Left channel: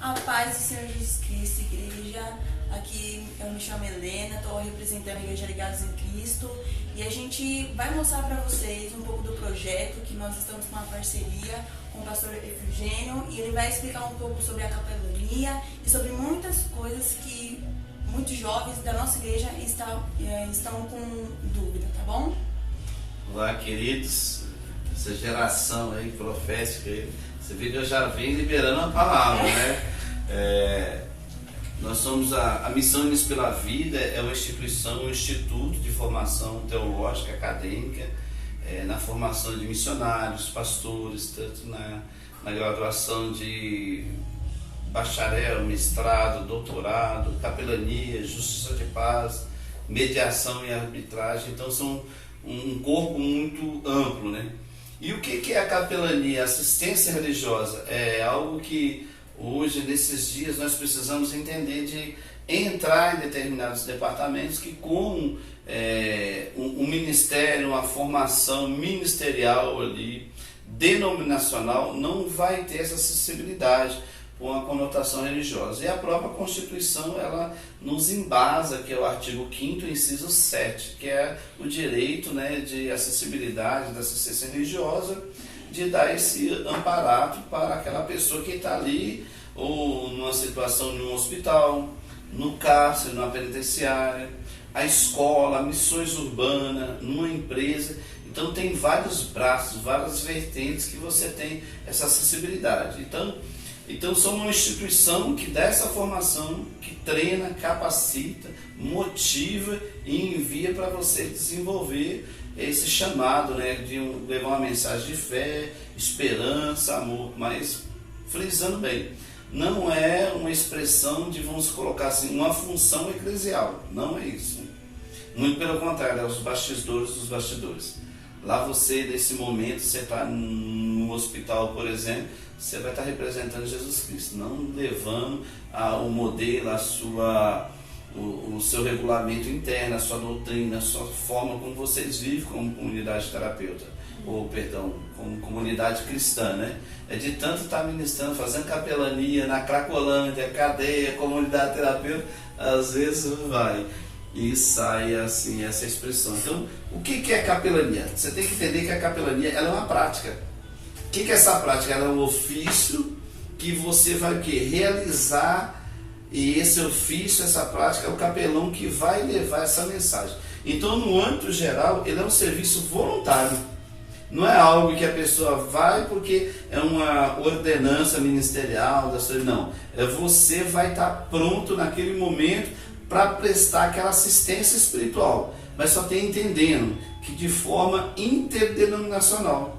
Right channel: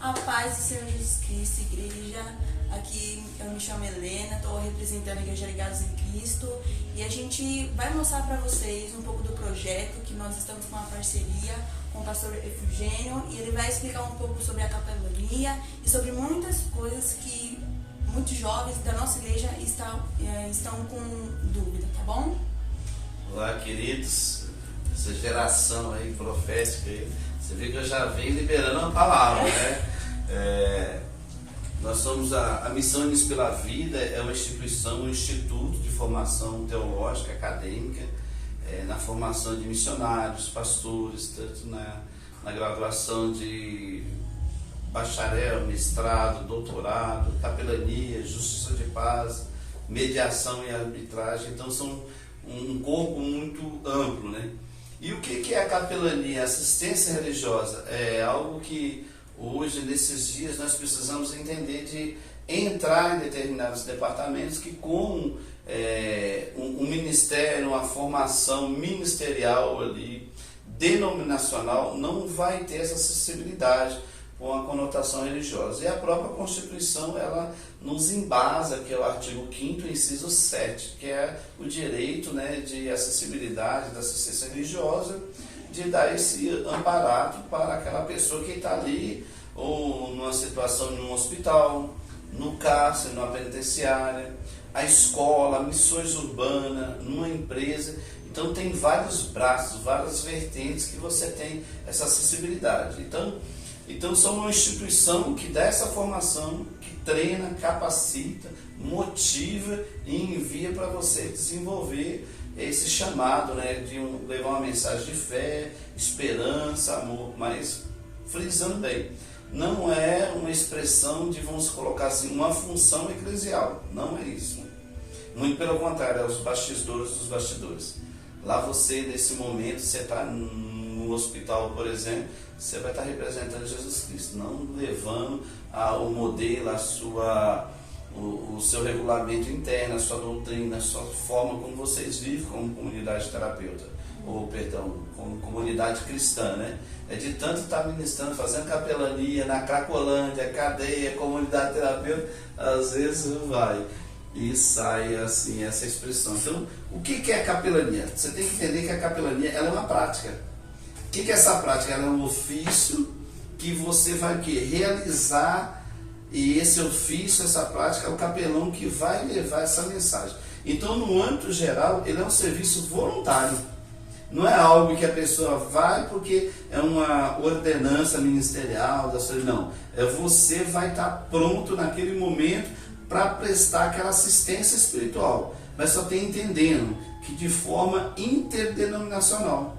A paz do Senhor Jesus Cristo, igreja. Aqui eu me chamo Helena, estou representando a Igreja Ligados em Cristo e a gente vai mostrar para vocês um pouco do projeto que nós estamos com uma parceria com o pastor Efigênio e ele vai explicar um pouco sobre a capelania e sobre muitas coisas que muitos jovens da nossa igreja estão com dúvida, tá bom? Olá, queridos, essa geração aí profética aí, você vê que eu já venho liberando a palavra, né? Nós somos a Missão Unidos pela Vida, é uma instituição, um instituto de formação teológica, acadêmica, na formação de missionários, pastores, tanto na graduação de bacharel, mestrado, doutorado, capelania, justiça de paz, mediação e arbitragem. Então são um corpo muito amplo, né? E o que é a capelania? Assistência religiosa é algo que hoje, nesses dias, nós precisamos entender de entrar em determinados departamentos que com um ministério, uma formação ministerial ali, denominacional, não vai ter essa acessibilidade com a conotação religiosa. E a própria Constituição, ela nos embasa, que é o artigo 5º, inciso 7, que é o direito, né, de acessibilidade, da assistência religiosa, de dar esse amparato para aquela pessoa que está ali, ou numa situação de um hospital, no cárcere, numa penitenciária, a escola, missões urbanas, numa empresa. Então tem vários braços, várias vertentes que você tem essa acessibilidade. Então somos uma instituição que dá essa formação, que treina, capacita, motiva e envia para você desenvolver esse chamado, né, de levar uma mensagem de fé, esperança, amor, mas frisando bem, não é uma expressão de, vamos colocar assim, uma função eclesial, não é isso. Muito pelo contrário, é os bastidores dos bastidores. Lá você, nesse momento, você está no hospital, por exemplo, você vai estar representando Jesus Cristo, não levando o modelo, o seu regulamento interno, a sua doutrina, a sua forma como vocês vivem como comunidade terapeuta, como comunidade cristã, né? É de tanto estar ministrando, fazendo capelania na Cracolândia, cadeia, comunidade terapeuta, às vezes vai e sai assim essa expressão. Então, o que é capelania? Você tem que entender que a capelania, ela é uma prática. O que é essa prática? Ela é um ofício que você vai realizar, e esse ofício, essa prática, é o capelão que vai levar essa mensagem. Então, no âmbito geral, ele é um serviço voluntário. Não é algo que a pessoa vai porque é uma ordenança ministerial, não. Você vai estar pronto naquele momento para prestar aquela assistência espiritual. Mas só tem entendendo que de forma interdenominacional.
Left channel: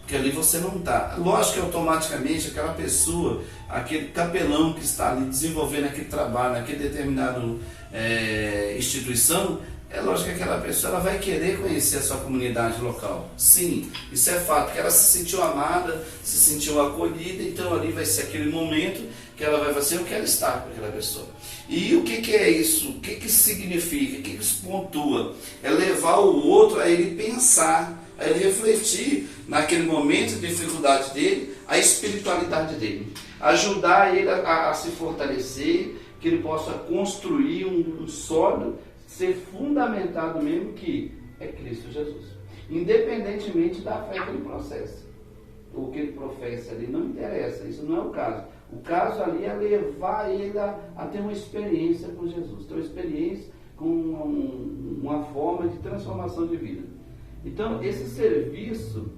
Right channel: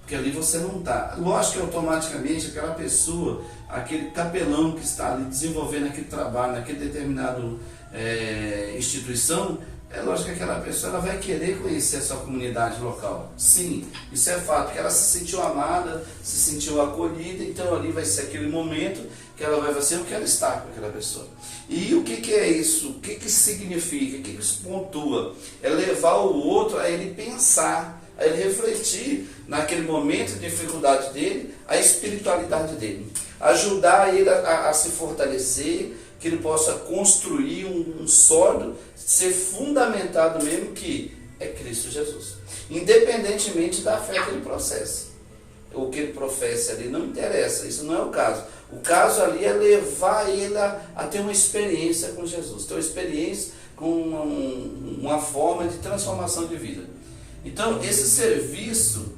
Porque ali você não está. Lógico que automaticamente aquela pessoa, aquele capelão que está ali desenvolvendo aquele trabalho, naquele determinado instituição, é lógico que aquela pessoa ela vai querer conhecer a sua comunidade local. Sim, isso é fato, porque ela se sentiu amada, se sentiu acolhida, então ali vai ser aquele momento que ela vai fazer, eu quero estar com aquela pessoa. E o que é isso? O que significa? O que isso pontua? É levar o outro a ele pensar, a ele refletir naquele momento de dificuldade dele, a espiritualidade dele. Ajudar ele a se fortalecer, que ele possa construir um sólido, ser fundamentado mesmo que é Cristo Jesus. Independentemente da fé que ele processa. O que ele professa ali não interessa, isso não é o caso. O caso ali é levar ele a ter uma experiência com Jesus, ter uma experiência com uma forma de transformação de vida. Então, esse serviço,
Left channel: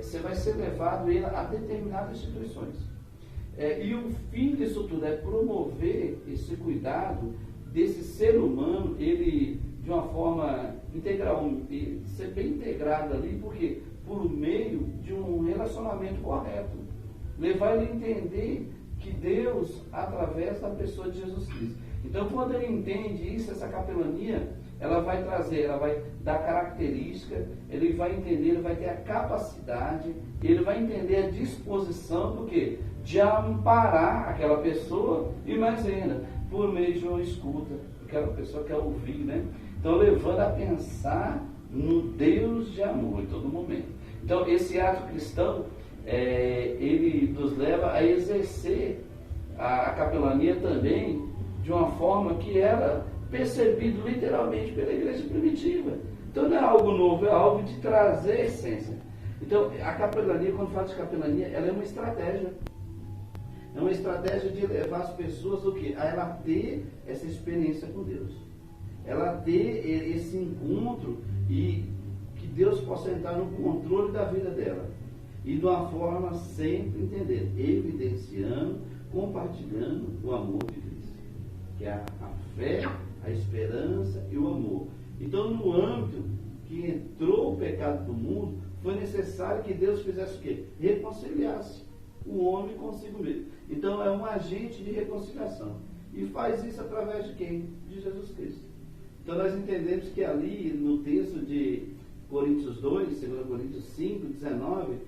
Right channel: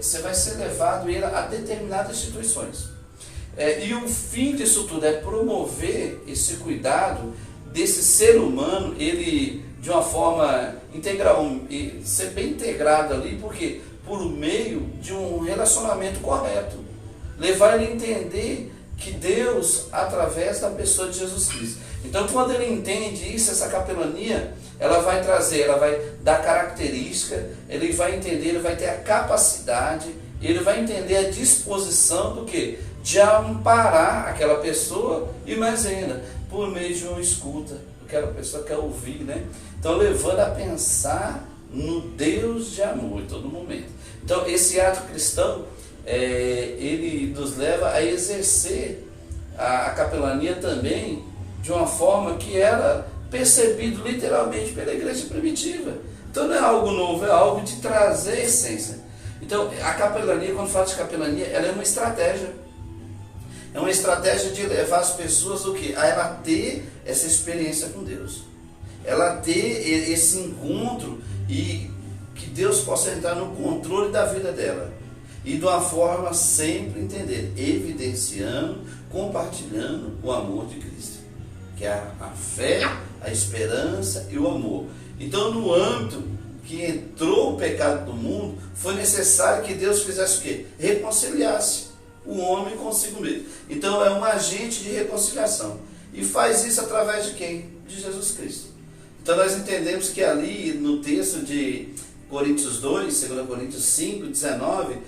você vai ser levado ele a determinadas instituições. E o fim disso tudo é promover esse cuidado desse ser humano, ele de uma forma integral, ser bem integrado ali, porque por meio de um relacionamento correto. Levar ele a entender que Deus, através da pessoa de Jesus Cristo. Então, quando ele entende isso, essa capelania, ela vai trazer, ela vai dar característica, ele vai entender, ele vai ter a capacidade, ele vai entender a disposição do quê? De amparar aquela pessoa e mais ainda, por meio de uma escuta, porque a pessoa quer ouvir, né? Então, levando a pensar no Deus de amor em todo momento. Então, esse ato cristão, ele nos leva a exercer a capelania também de uma forma que era percebido literalmente pela igreja primitiva. Então não é algo novo, é algo de trazer a essência. Então a capelania, quando fala de capelania, ela é uma estratégia. É uma estratégia de levar as pessoas o quê? A ela ter essa experiência com Deus. Ela ter esse encontro e que Deus possa entrar no controle da vida dela. E de uma forma sempre entender, evidenciando, compartilhando o amor de Cristo. Que é a fé, a esperança e o amor. Então no âmbito que entrou o pecado do mundo, foi necessário que Deus fizesse o quê? Reconciliasse o homem consigo mesmo. Então é um agente de reconciliação. E faz isso através de quem? De Jesus Cristo. Então nós entendemos que ali no texto de Coríntios 2, 2 Coríntios 5, 19,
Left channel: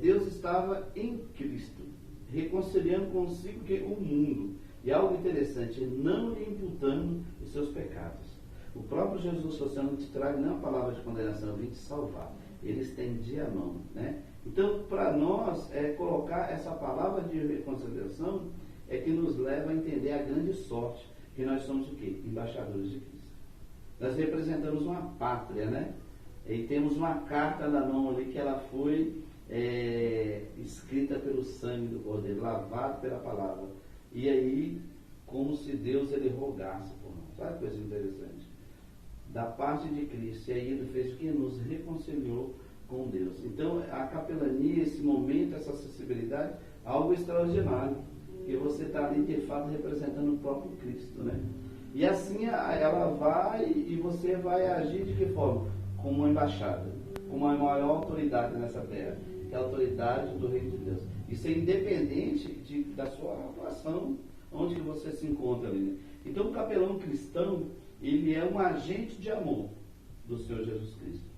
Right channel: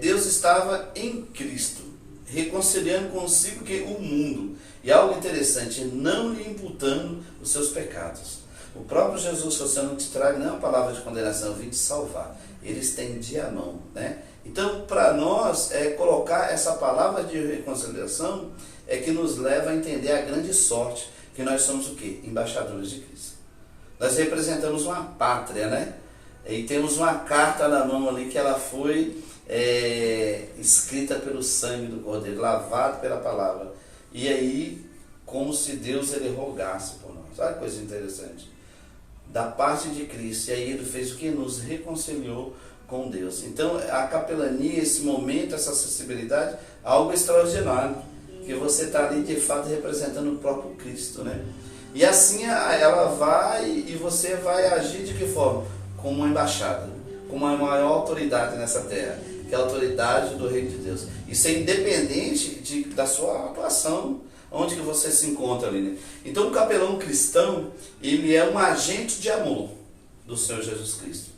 Deus estava em Cristo, reconciliando consigo que o mundo. E algo interessante, não lhe imputando os seus pecados. O próprio Jesus, se você não te traga não é uma palavra de condenação, eu vim te salvar. Ele estendia a mão, né? Então, para nós, colocar essa palavra de reconciliação é que nos leva a entender a grande sorte que nós somos o quê? Embaixadores de Cristo. Nós representamos uma pátria, né? E temos uma carta na mão ali que ela foi escrita pelo sangue do Cordeiro, lavado pela palavra. E aí, como se Deus ele rogasse por nós. Olha que coisa interessante. Da parte de Cristo. E aí ele fez o que? Nos reconciliou com Deus. Então a capelania, esse momento, essa acessibilidade, algo extraordinário. Que você está ali de fato representando o próprio Cristo, né? E assim ela vai e você vai agir de que forma? Como uma embaixada, como a maior autoridade nessa terra, que é a autoridade do Reino de Deus. Isso é independente da sua atuação, onde que você se encontra ali, né? Então o capelão cristão, ele é um agente de amor do Senhor Jesus Cristo,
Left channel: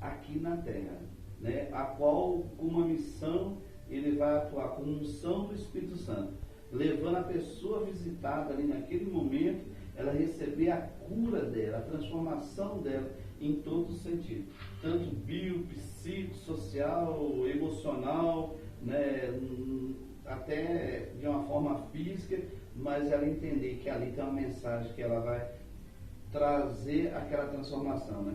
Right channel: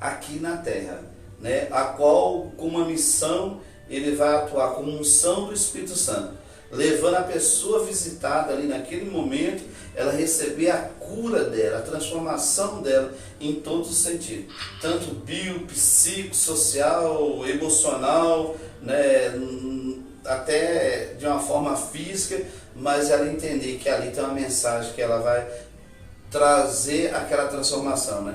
aqui na terra, né? A qual, com uma missão, ele vai atuar com unção do Espírito Santo, levando a pessoa visitada ali naquele momento, ela receber a cura dela, a transformação dela em todos os sentidos, tanto bio, psico, social, emocional, né? Até de uma forma física, mas ela entender que ali tem uma mensagem que ela vai trazer aquela transformação, né?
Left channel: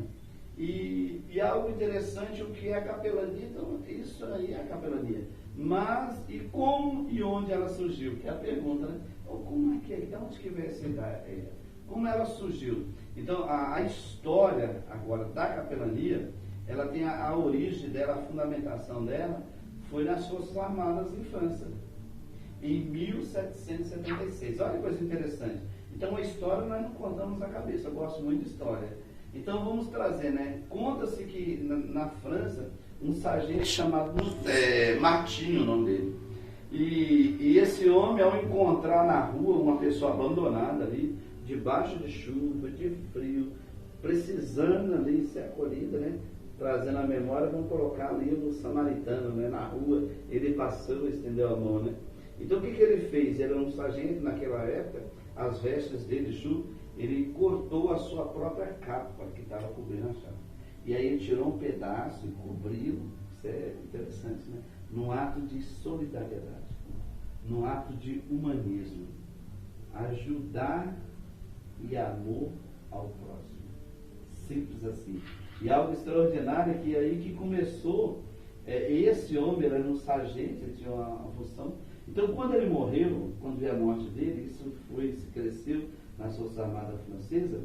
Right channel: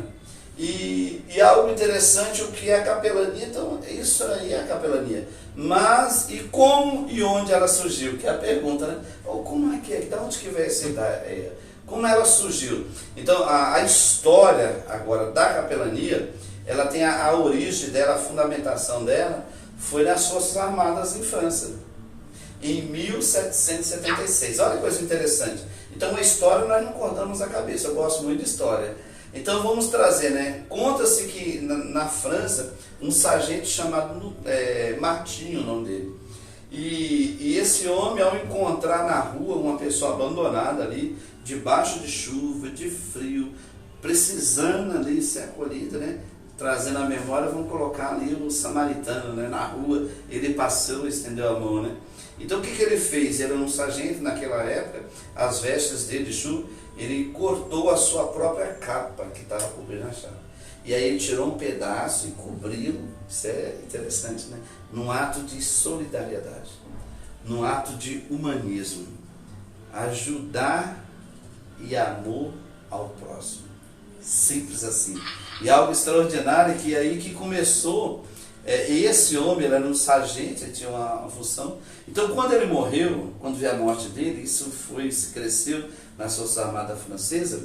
E algo interessante, o que é a capelania, então isso aí é a capelania. Mas, e como e onde ela surgiu? Que é a pergunta, né? Ou como é que é? De onde que veio essa ideia? Como ela surgiu? Então, a história agora da capelania, ela tem a origem dela, a fundamentação dela, foi nas Forças Armadas em França, em 1776. Olha que coisa interessante. Então, a história nós não cortamos a cabeça, eu gosto muito de história. Então, vamos trazer, né? Conta-se que na França, um sargento chamado Martinho, o nome dele. E esse homem, ao encontrar na rua uma pessoa abandonada ali, debaixo de chuva, de frio, precisando ali ser acolhida, né? Trazendo a memória, vamos colocar ali o samaritano, né? Na rua, ele passou e estendeu a mão, né? Então o que ele fez? Ele era um sargento naquela época, as vestes dele de chuva, ele cortou a sua própria capa que estava cobrindo a chave. E aí ele tirou um pedaço e cobriu, isso é interessante, né? Num ato de solidariedade, num ato de humanismo, ajudar e amor ao próximo. Simples assim. E algo extraordinário que aí que começou, esse homem era um sargento, ele tinha uma função. Então quando ele morreu, quando veio a morte dele, isso se cresceu nas Forças Armadas Francesas,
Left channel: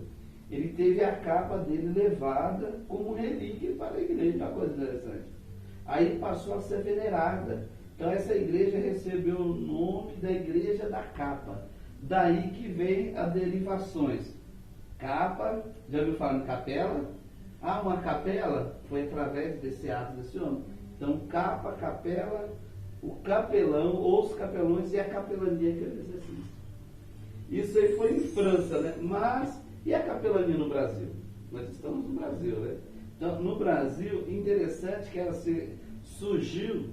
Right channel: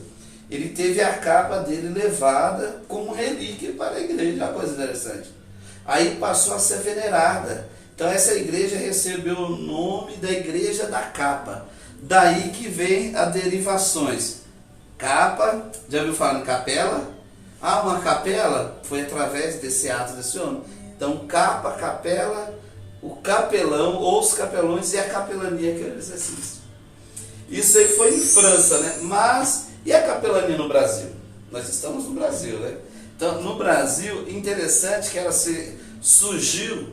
ele teve a capa dele levada como relíquia para a igreja, uma coisa interessante. Aí passou a ser venerada. Então essa igreja recebeu o nome da Igreja da Capa. Daí que vem as derivações. Capa, já ouviu falar em capela? Ah, uma capela foi através desse ato desse homem. Então capa, capela, o capelão ou os capelões e a capelania que é o exercício. Isso aí foi em França, né? Mas, e a capelania no Brasil? Nós estamos no Brasil, né? Então, no Brasil, interessante que ela surgiu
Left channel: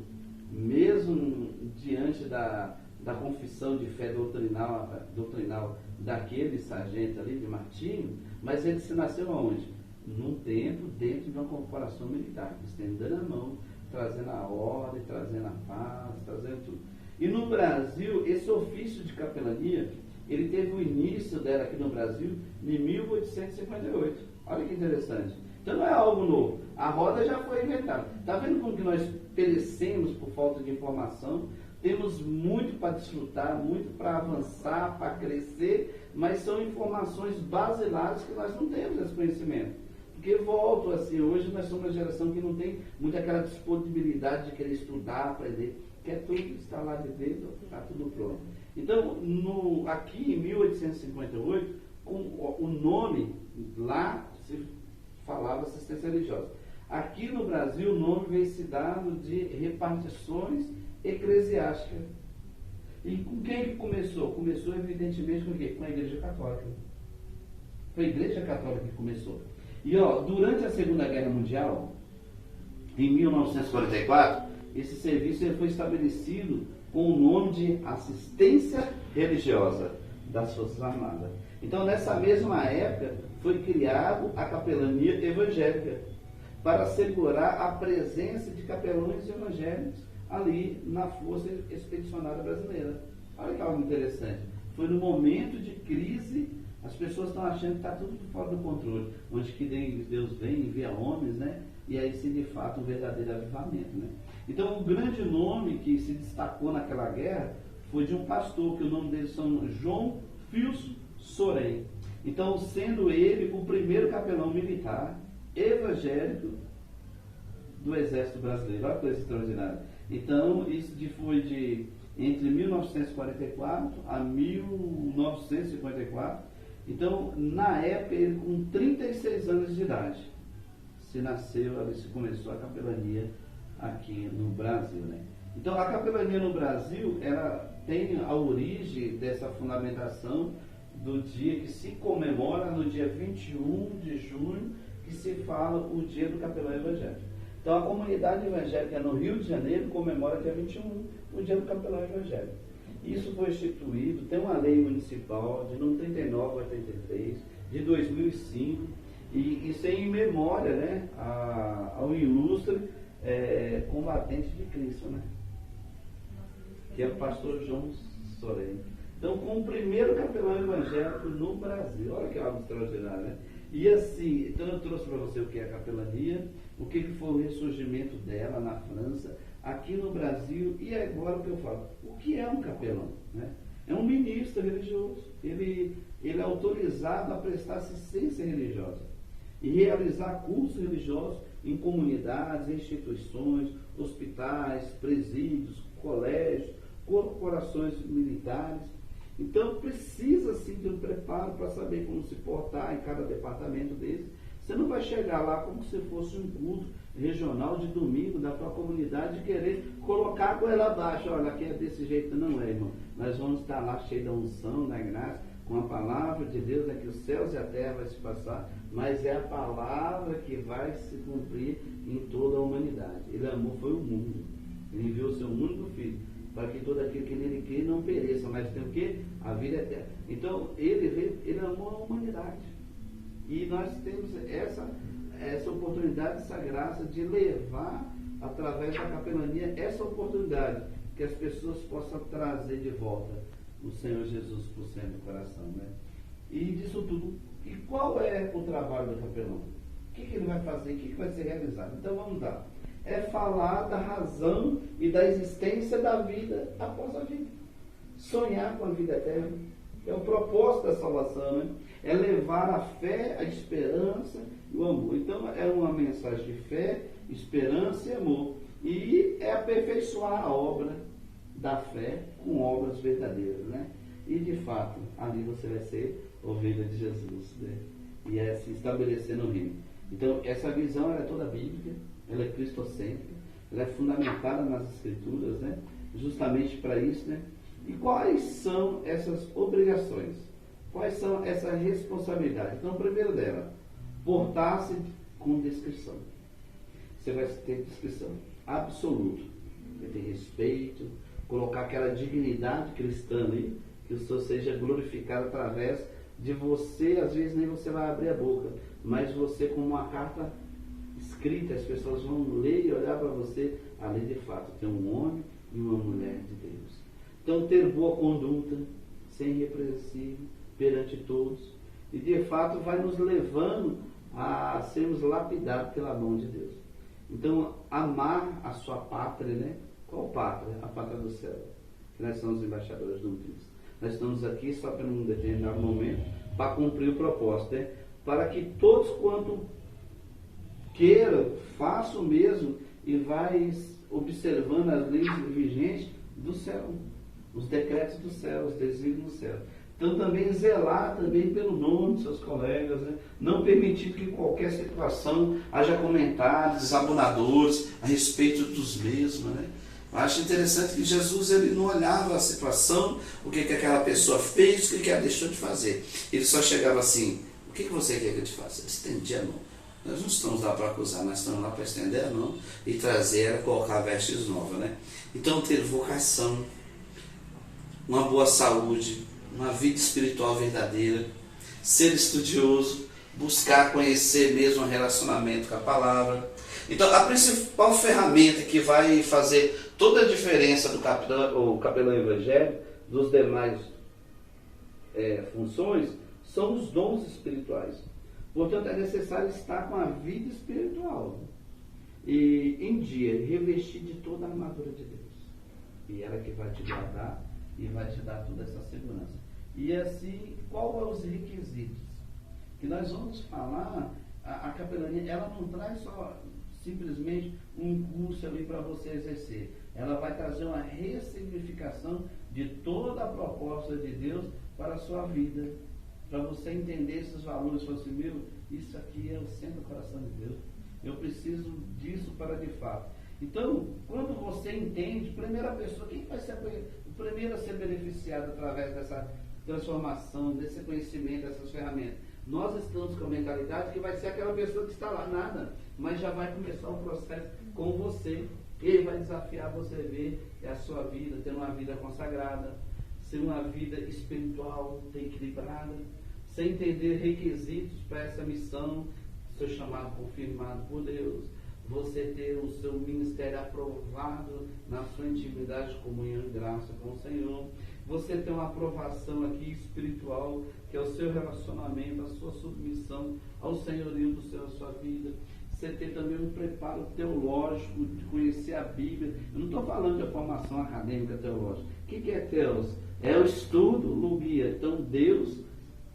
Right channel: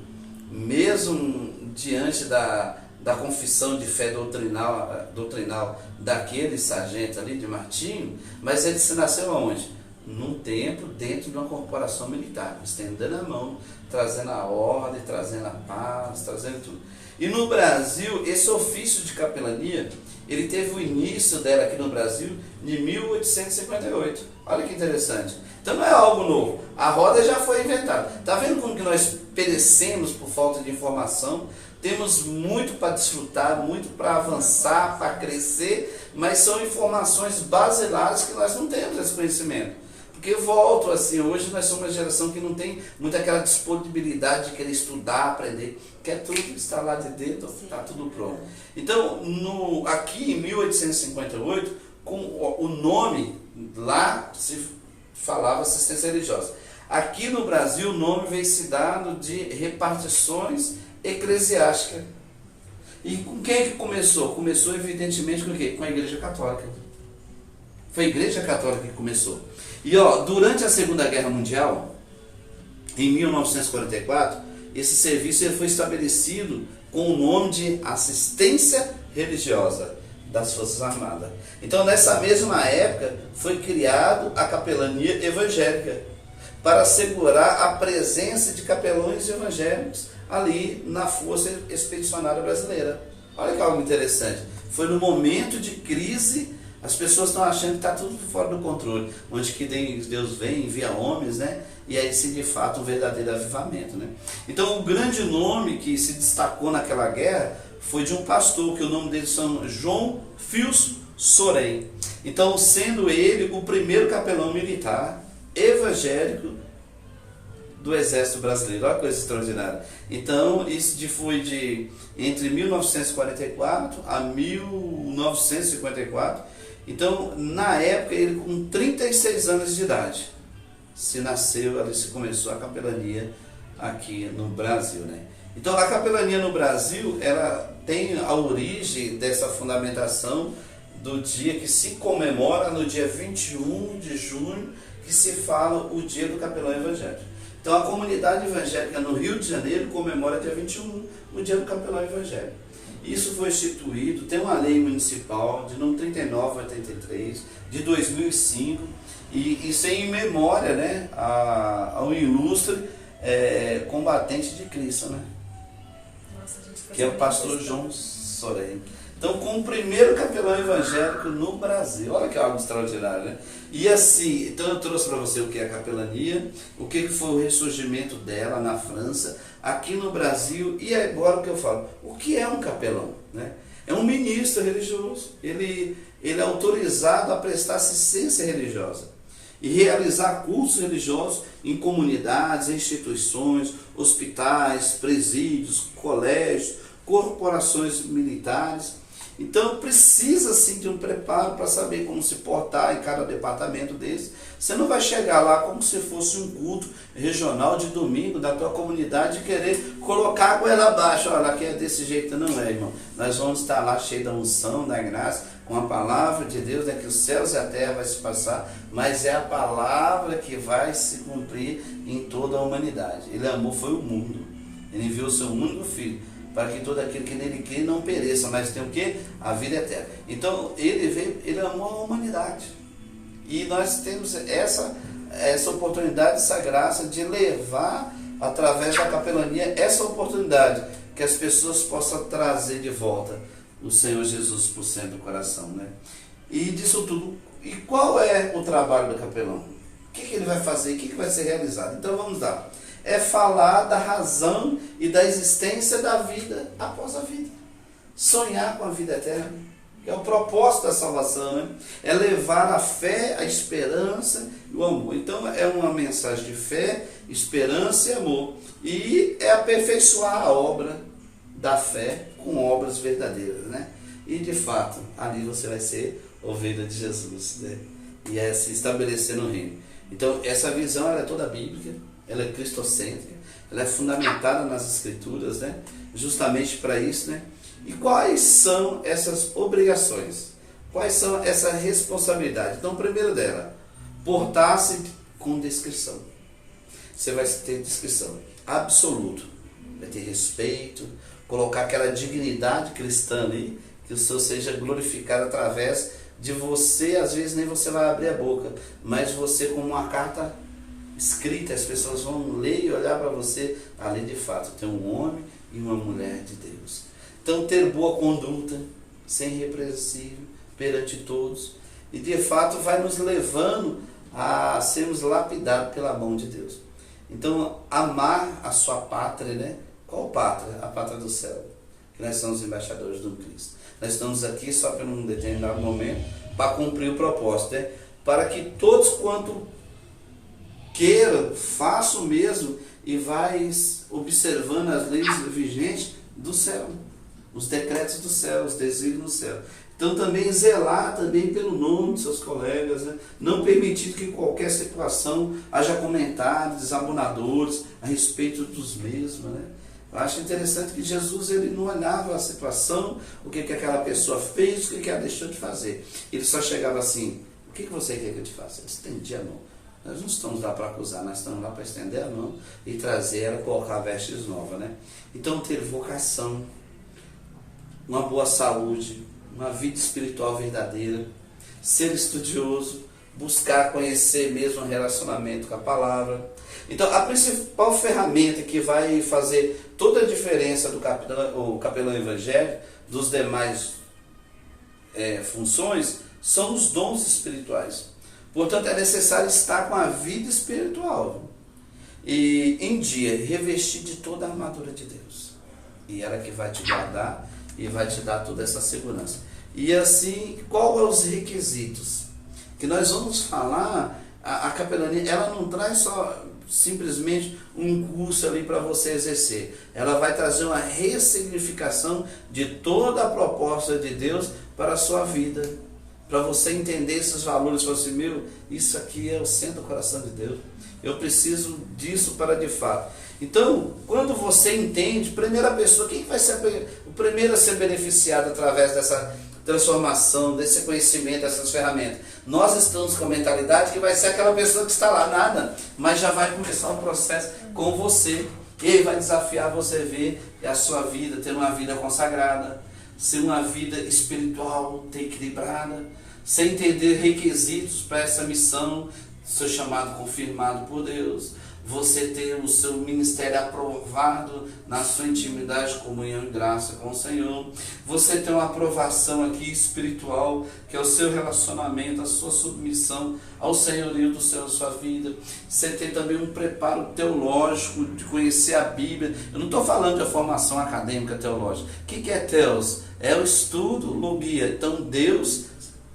mesmo diante da confissão de fé doutrinal daquele sargento ali, de Martinho, mas ele se nasceu aonde? Num templo, dentro de uma corporação militar, estendendo a mão, trazendo a ordem, trazendo a paz, trazendo tudo. E no Brasil, esse ofício de capelania, ele teve o início dela aqui no Brasil em 1858. Olha que interessante. Então não é algo novo. A roda já foi inventada. Está vendo como que nós perecemos por falta de informação? Temos muito para desfrutar, muito para avançar, para crescer, mas são informações basilares que nós não temos esse conhecimento. Porque eu volto assim, hoje nós somos uma geração que não tem muita aquela disponibilidade de querer estudar, aprender, quer tudo estar lá de dentro, está tudo pronto. Então, aqui em 1858, com o nome, lá se falava assistência religiosa. Aqui no Brasil, o nome veio se dado de repartições eclesiásticas. E com quem que começou? Começou, evidentemente, com o quê? Com a Igreja Católica. Foi a Igreja Católica que começou. E durante a Segunda Guerra Mundial, em 1944, esse serviço ele foi estabelecido com o nome de assistência religiosa das Forças Armadas. Então, nessa mesma época, foi criado a capelania evangélica para assegurar a presença de capelões evangélicos ali na Força Expedicionária Brasileira. Olha que algo interessante. Foi no momento de crise. As pessoas estão achando que está tudo fora do controle, onde que Deus vem, envia homens, né? E aí sim, de fato, um verdadeiro avivamento, né? Então, o grande nome que se destacou naquela guerra foi de um pastor, que o nome dele é João Fios Sorém. Então, sendo ele o primeiro capelão militar evangélico do Exército Brasileiro. Olha que coisa extraordinária. Então, isso foi entre 1944 a 1954. Então, na época, ele com 36 anos de idade, se começou a capelania aqui no Brasil, né? Então, a capelania no Brasil, ela tem a origem dessa fundamentação do dia que se comemora, no dia 21 de junho, que se fala o dia do capelão evangélico. Então, a comunidade evangélica no Rio de Janeiro comemora dia 21, o dia do capelão evangélico. Isso foi instituído, tem uma lei municipal de número 3983, de 2005, e isso é em memória, né, ao ilustre combatente de Cristo, né? Nossa, que é o pastor João Sorém. Então, com o primeiro capelão evangélico no Brasil. Olha que algo extraordinário, né? E assim, então eu trouxe para você o que é a capelania, o que foi o ressurgimento dela na França, aqui no Brasil, e agora o que eu falo, o que é um capelão, né? É um ministro religioso, ele é autorizado a prestar assistência religiosa e realizar cursos religiosos em comunidades, instituições, hospitais, presídios, colégios, corporações militares. Então precisa sim de um preparo para saber como se portar em cada departamento desse. Você não vai chegar lá como se fosse um culto regional de domingo da tua comunidade e querer colocar a goela abaixo. Olha, aqui é desse jeito, não é, irmão. Nós vamos estar lá cheio da unção, da graça, com a palavra de Deus, que os céus e a terra vai se passar, mas é a palavra que vai se cumprir em toda a humanidade. Ele amou foi o mundo. Ele enviou o seu único filho, para que todo aquele que nele crê não pereça, mas tem o quê? A vida eterna. Então, ele amou a humanidade. E nós temos essa oportunidade, essa graça de levar, através da capelania, essa oportunidade, que as pessoas possam trazer de volta o Senhor Jesus por centro do coração, né? E disso tudo, e qual é o trabalho do capelão? O que ele vai fazer? O que vai ser realizado? Então, vamos lá. É falar da razão e da existência da vida após a vida. Sonhar com a vida eterna, que é o propósito da salvação, né? É levar a fé, a esperança e o amor. Então é uma mensagem de fé, esperança e amor. E é aperfeiçoar a obra da fé com obras verdadeiras, né? E de fato, ali você vai ser ovelha de Jesus, né? E é se estabelecer no reino. Então essa visão ela é toda bíblica, ela é cristocêntrica, ela é fundamentada nas Escrituras, né? Justamente para isso, né? E quais são essas obrigações? Quais são essa responsabilidade? Então, o primeiro dela, portar-se com descrição. Você vai ter descrição absoluta, vai ter respeito, colocar aquela dignidade cristã ali, que o Senhor seja glorificado através de você. Às vezes nem você vai abrir a boca, mas você, como uma carta escrita, as pessoas vão ler e olhar para você. Ali de fato tem um homem e uma mulher de Deus. Então, ter boa conduta, ser irrepreensível perante todos, e de fato vai nos levando a sermos lapidados pela mão de Deus. Então, amar a sua pátria, né? Qual pátria? A pátria do céu. Que nós somos embaixadores do Cristo. Nós estamos aqui só por um determinado momento para cumprir o propósito, né? Para que todos quanto queiram, façam o mesmo e vai observando as leis vigentes do céu, os decretos do céu, os desígnios do céu. Então também zelar também pelo nome de seus colegas, né? Não permitir que em qualquer situação haja comentários desabonadores a respeito dos mesmos, né? Eu acho interessante que Jesus ele não olhava a situação, o que aquela pessoa fez, o que ela deixou de fazer. Ele só chegava assim: o que você quer que eu te faça? Ele estendia a mão. Nós não estamos lá para acusar, nós estamos lá para estender a mão e trazer ela, colocar vestes novas, né? Então ter vocação, uma boa saúde, uma vida espiritual verdadeira, ser estudioso, buscar conhecer mesmo o relacionamento com a palavra. Então a principal ferramenta que vai fazer toda a diferença do capelão evangélico dos demais funções são os dons espirituais. Portanto, é necessário estar com a vida espiritual e em dia revestir de toda a armadura de Deus. E ela que vai te guardar e vai te dar toda essa segurança. E assim, qual é os requisitos? Que nós vamos falar, a capelania, ela não traz só simplesmente um curso ali para você exercer. Ela vai trazer uma ressignificação de toda a proposta de Deus para a sua vida. Para você entender esses valores, falar assim: meu, isso aqui é o centro do coração de Deus. Eu preciso disso para de fato. Então, quando você entende, primeira pessoa, quem vai ser o primeiro a ser beneficiado através dessa transformação, desse conhecimento, dessas ferramentas? Nós estamos com a mentalidade que vai ser aquela pessoa que está lá, nada, mas já vai começar um processo com você. Ele vai desafiar você a ver a sua vida, ter uma vida consagrada, ser uma vida espiritual, ter equilibrada, sem entender requisitos para essa missão, seu chamado confirmado por Deus, você ter o seu ministério aprovado na sua intimidade, comunhão e graça com o Senhor, você ter uma aprovação aqui espiritual, que é o seu relacionamento, a sua submissão ao senhorio do Senhor da sua vida, você ter também um preparo teológico, de conhecer a Bíblia. Eu não estou falando de formação acadêmica teológica. O que é teos? É o estudo, logia. Então Deus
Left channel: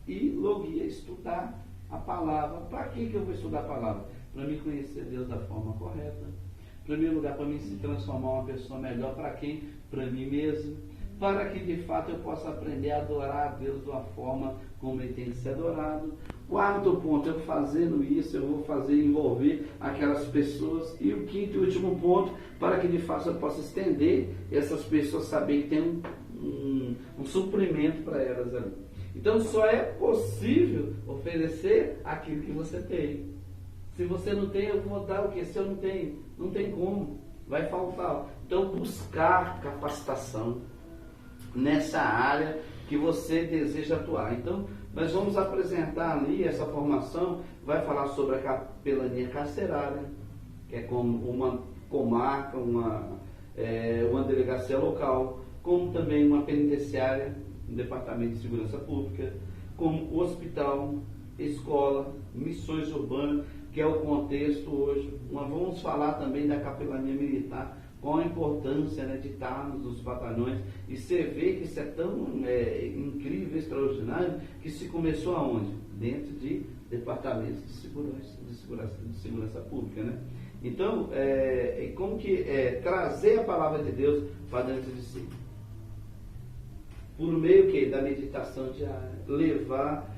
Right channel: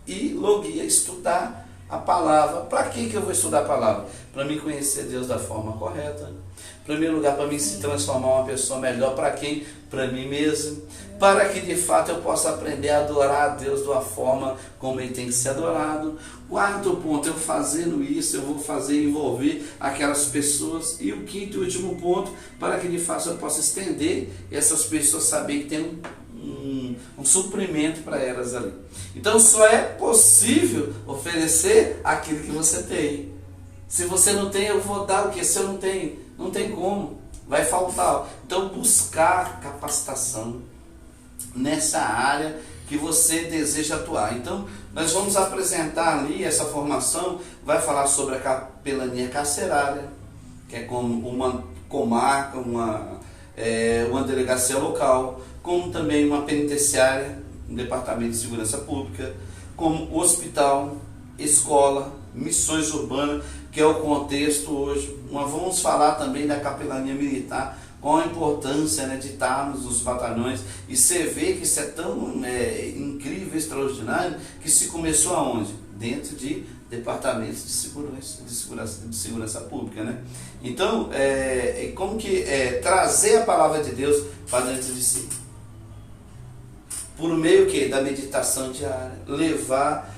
e logia, estudar a palavra. Para que eu vou estudar a palavra? Para me conhecer Deus da forma correta. Em primeiro lugar, para mim se transformar uma pessoa melhor. Para quem? Para mim mesmo. Para que de fato eu possa aprender a adorar a Deus de uma forma como Ele tem que ser adorado. Quarto ponto, eu fazendo isso, eu vou fazer envolver aquelas pessoas. E o quinto e último ponto, para que de fato eu possa estender essas pessoas, saber que tem um suprimento para elas ali. Então só é possível oferecer aquilo que você tem. Se você não tem, eu vou dar o que? Se eu não tenho, não tem como, vai faltar. Então buscar capacitação nessa área que você deseja atuar. Então nós vamos apresentar ali essa formação, vai falar sobre a capelania carcerária, que é como uma comarca, uma delegacia local, como também uma penitenciária, um departamento de segurança pública, como hospital, escola, missões urbanas, que é o contexto hoje. Nós vamos falar também da capelania militar, qual a importância, né, de estarmos nos batalhões, e você vê que isso é tão incrível, extraordinário, que se começou aonde? Dentro de departamentos de segurança pública, né? Então, como que trazer a palavra de Deus para dentro de si? Por meio que da meditação diária, levar,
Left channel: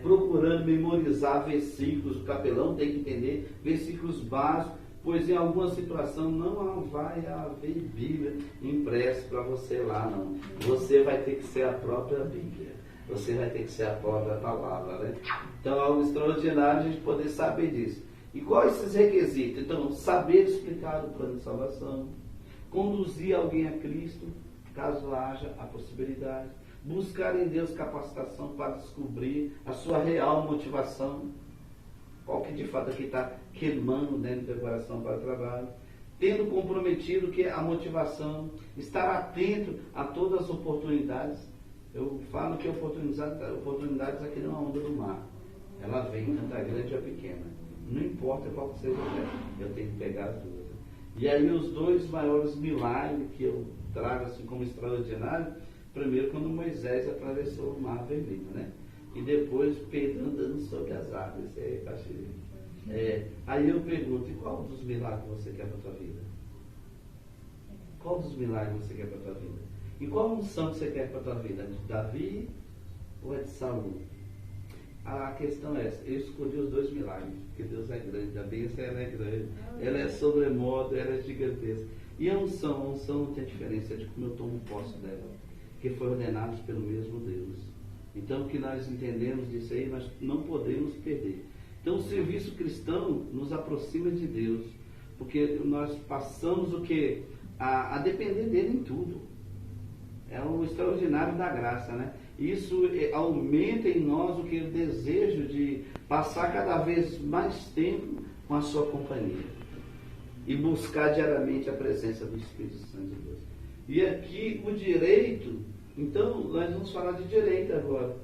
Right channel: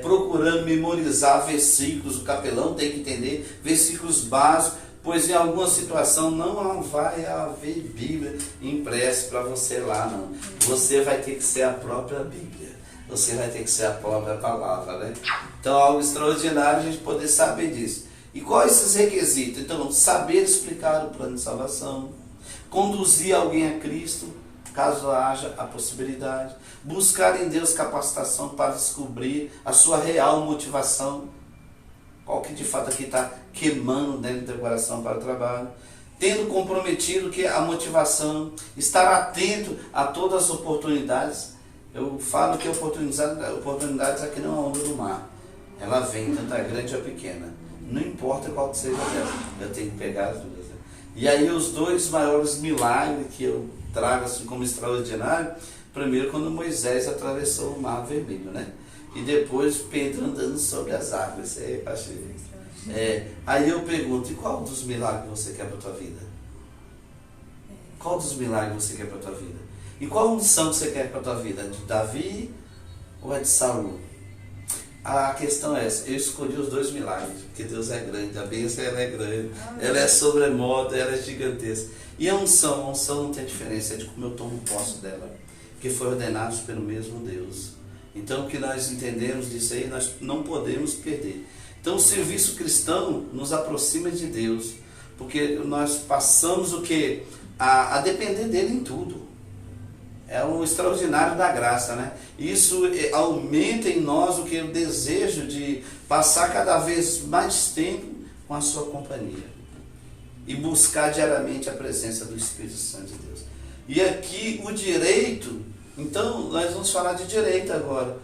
procurando memorizar versículos. O capelão tem que entender versículos básicos, pois em alguma situação não vai haver Bíblia impressa para você lá, não. Você vai ter que ser a própria Bíblia. Você vai ter que ser a própria palavra, né? Então, algo extraordinário a gente poder saber disso. E quais esses requisitos? Então, saber explicar o plano de salvação, conduzir alguém a Cristo, caso haja a possibilidade, buscar em Deus capacitação para descobrir a sua real motivação, qual que de fato aqui está queimando dentro do teu coração para o trabalho, tendo comprometido que a motivação, estar atento a todas as oportunidades. Eu falo que oportunidades aqui não é onda do mar. Ela vem, tanto a grande ou a pequena. Não importa qual que seja ela, eu tenho que pegar as duas. E aí os dois maiores milagres que eu trago assim como extraordinário, primeiro quando Moisés atravessou o Mar Vermelho, né? E depois Pedro andando sobre as águas. Aí eu pergunto, e qual dos milagres você quer para a tua vida? Qual dos milagres você quer para a tua vida? E qual unção que você quer para a tua vida? De Davi ou é de Saul? A questão é essa, eu escolhi os dois milagres, porque Deus é grande, a bênção ela é grande, ela é sobremodo, ela é gigantesca. E a unção não tem diferença, é de como eu tomo posse dela, que foi ordenado pelo mesmo Deus. Então o que nós entendemos disso aí, nós não podemos perder. Então o serviço cristão nos aproxima de Deus, porque nós passamos o que? A depender dele em tudo. É o extraordinário da graça, né? Isso aumenta em nós o que? O desejo de passar cada vez mais tempo com a sua companhia e buscar diariamente a presença do Espírito Santo de Deus. E aqui o direito, então nós vamos falar de direito agora.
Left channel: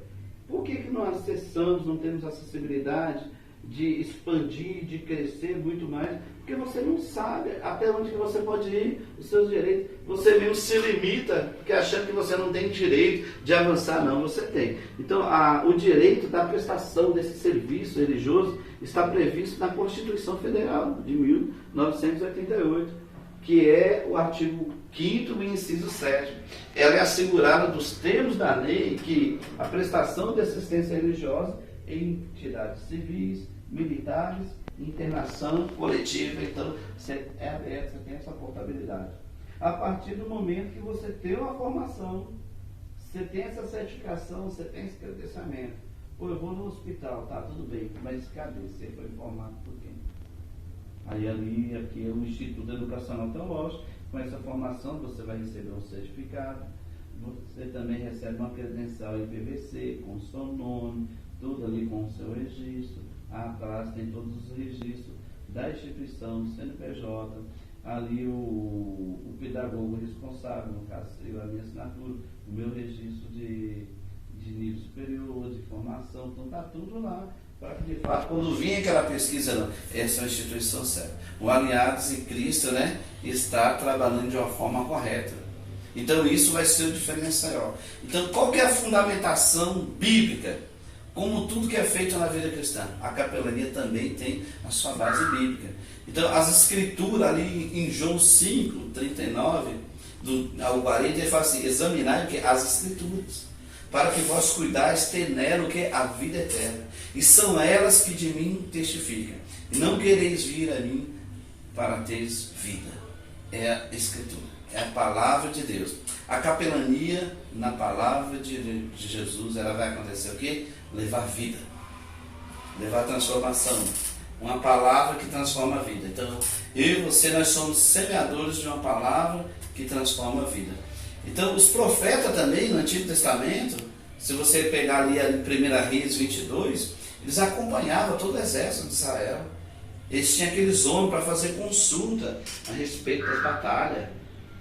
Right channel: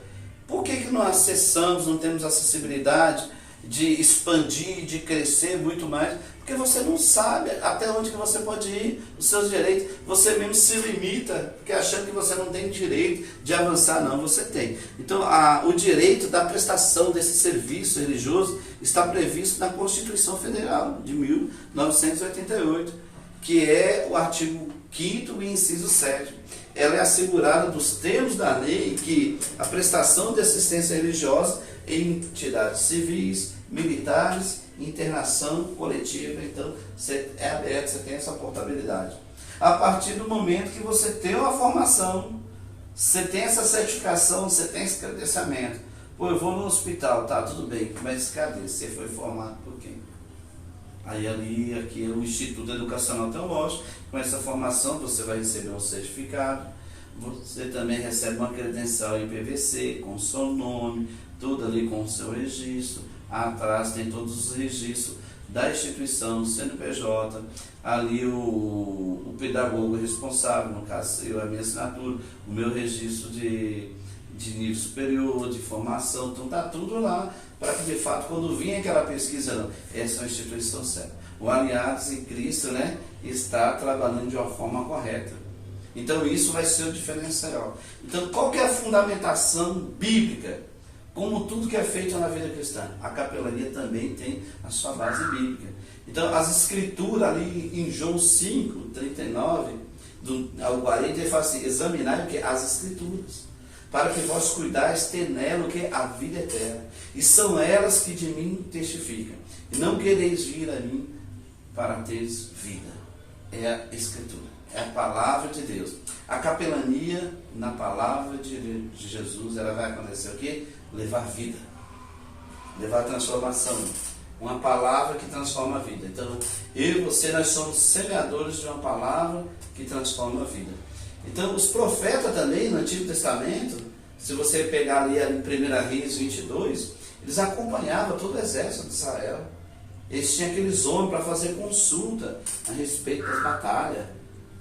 Por que nós acessamos, não temos acessibilidade de expandir, de crescer muito mais? Porque você não sabe até onde que você pode ir, os seus direitos. Você mesmo se limita, porque achando que você não tem direito de avançar. Não, você tem. Então, o direito da prestação desse serviço religioso está previsto na Constituição Federal de 1988, que é o artigo 5º e inciso 7º. Ela é assegurada dos termos da lei que a prestação de assistência religiosa em entidades civis, militares, internação coletiva, então você é aberto, você tem essa portabilidade. A partir do momento que você tem uma formação, você tem essa certificação, você tem esse credenciamento. Pô, eu vou no hospital, tá, tudo bem, mas cadê? Você foi formado por quem? Aí aqui é o Instituto Educacional Teológico, com essa formação você vai receber um certificado, você também recebe uma credencial em PVC, com o seu nome, tudo ali com o seu registro. Atrás tem todos os registros da instituição, CNPJ, ali o pedagogo responsável, no caso eu, a minha assinatura, o meu registro de nível superior, de formação, então está tudo lá, para que de fato, quando vir aquela pesquisa, não, essa é uma instituição certa. O Aliados em Cristo, né, está trabalhando de uma forma correta. Então isso vai ser o diferencial. Então qual que é a fundamentação bíblica? Como tudo que é feito na vida cristã, a capelania também tem a sua base bíblica. Então, as escrituras ali em João 5, 39 ao 40, ele fala assim, examinai o que? As escrituras, para que vós cuidais ter nela o que? A vida eterna. E são elas que de mim testificam. E não quereis vir a mim para teres vida. É a escritura, é a palavra de Deus. A capelania, na palavra de Jesus, ela vai acontecer o quê? Levar vida, levar transformação, uma palavra que transforma a vida. Então, eu e você, nós somos semeadores de uma palavra que transforma a vida. Então, os profetas também, no Antigo Testamento, se você pegar ali em 1 Reis 22, eles acompanhavam todo o exército de Israel. Eles tinham aqueles homens para fazer consulta a respeito das batalhas.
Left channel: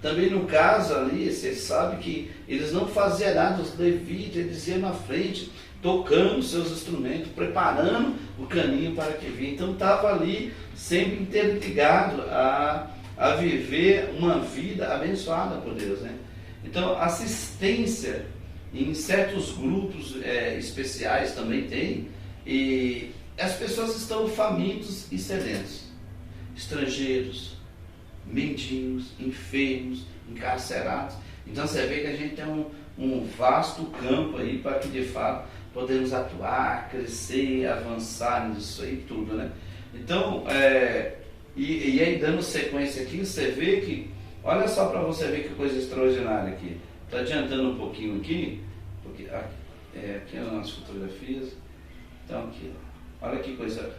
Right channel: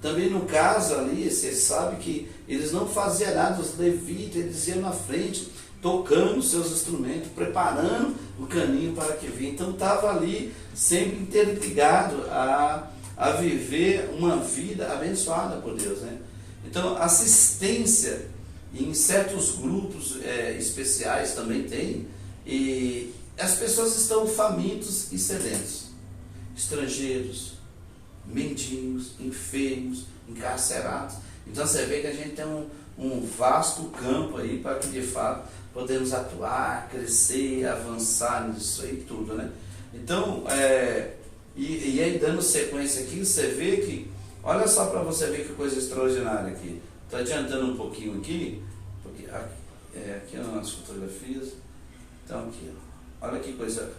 Também no caso ali, você sabe que eles não faziam nada, os levitas, eles iam na frente, tocando seus instrumentos, preparando o caminho para que vinha. Então estava ali sempre interligado a viver uma vida abençoada por Deus, né? Então assistência em certos grupos especiais também tem, e as pessoas estão famintos e sedentos, estrangeiros, mendigos, enfermos, encarcerados. Então você vê que a gente tem um vasto campo aí para que de fato podemos atuar, crescer, avançar nisso aí tudo, né? Então, e aí dando sequência aqui, você vê que, olha só para você ver que coisa extraordinária aqui. Estou adiantando um pouquinho aqui, porque aqui as nossas fotografias. Então aqui, ó, olha que coisa.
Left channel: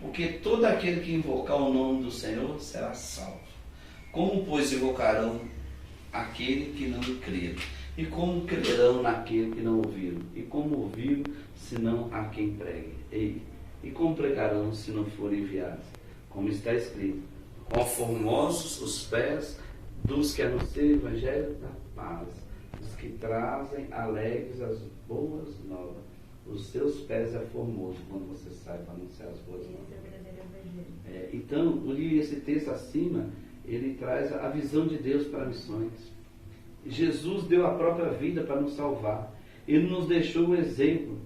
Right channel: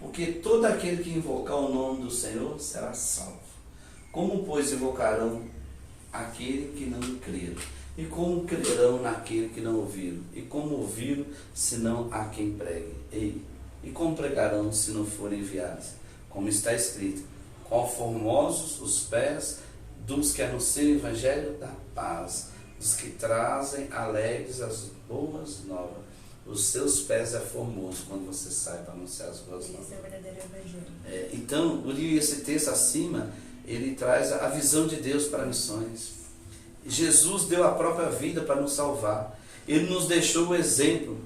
Porque todo aquele que invocar o nome do Senhor será salvo. Como, pois, invocarão aquele que não crê? E como crerão naquele que não ouviram? E como ouviram, se não há quem pregue? E como pregarão, se não forem enviados? Como está escrito, quão formosos os pés dos que anunciam o Evangelho da paz, dos que trazem alegres as boas novas. Os seus pés é formoso quando você sai para anunciar as boas novas. Esse é o verdadeiro Evangelho. Então, esse texto acima, ele traz a visão de Deus para missões. Jesus deu a própria vida para nos salvar. Ele nos deixou o exemplo,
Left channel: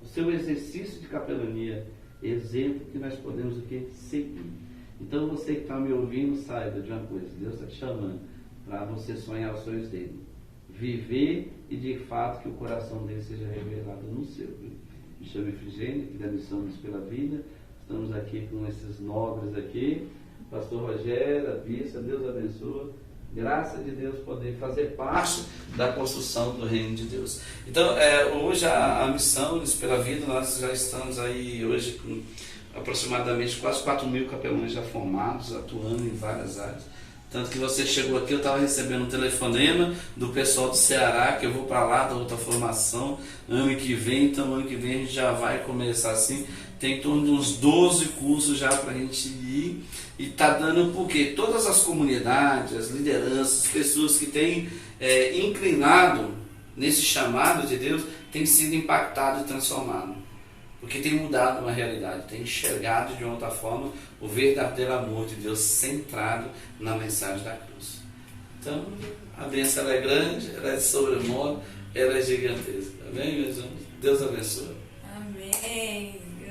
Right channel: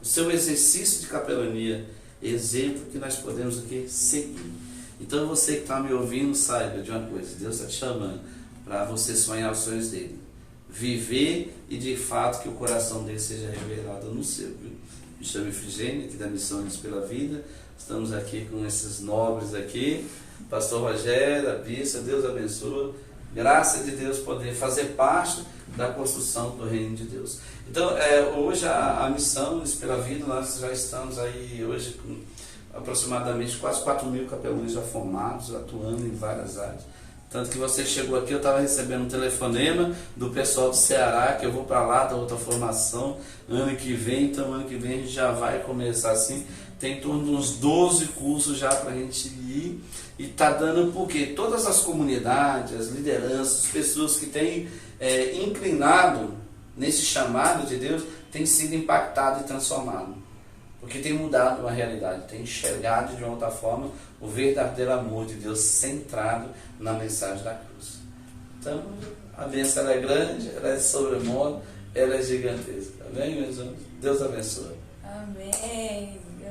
o seu exercício de capelania, exemplo que nós podemos aqui seguir. Então, você que está me ouvindo, saiba de uma coisa: Deus está te chamando para você sonhar os sonhos dele, viver e de fato que o coração dele seja revelado no seu. Viu? Me chamo Efigênio, aqui da Missões pela Vida. Estamos aqui com esses nobres aqui, pastor Rogério, a Bissa, Deus abençoe. Graça de Deus poder fazer parte da construção do reino de Deus. Então, hoje a Missões pela Vida, nós já estamos aí hoje com aproximadamente quase 4.000 capelães já formados, atuando em várias áreas. Tanto que você chegou aqui, eu estava recebendo um telefonema do pessoal do Ceará, que eu vou para lá, da outra formação, ano que vem. Então, ano que vem a gente já vai começar assim. Tem em torno de uns 12 cursos já para a gente ir. E está dando porque todas as comunidades, as lideranças, as pessoas que têm inclinado nesse chamado de Deus, têm sido impactado e transformado. Porque tem mudado uma realidade, tem enxergado de uma outra forma o verdadeiro amor de Deus centrado na mensagem da cruz. Então, a bênção ela é grande, ela é de sobremodo, ela é gigantesca. Amém, meus irmãos? Deus abençoe. Amém.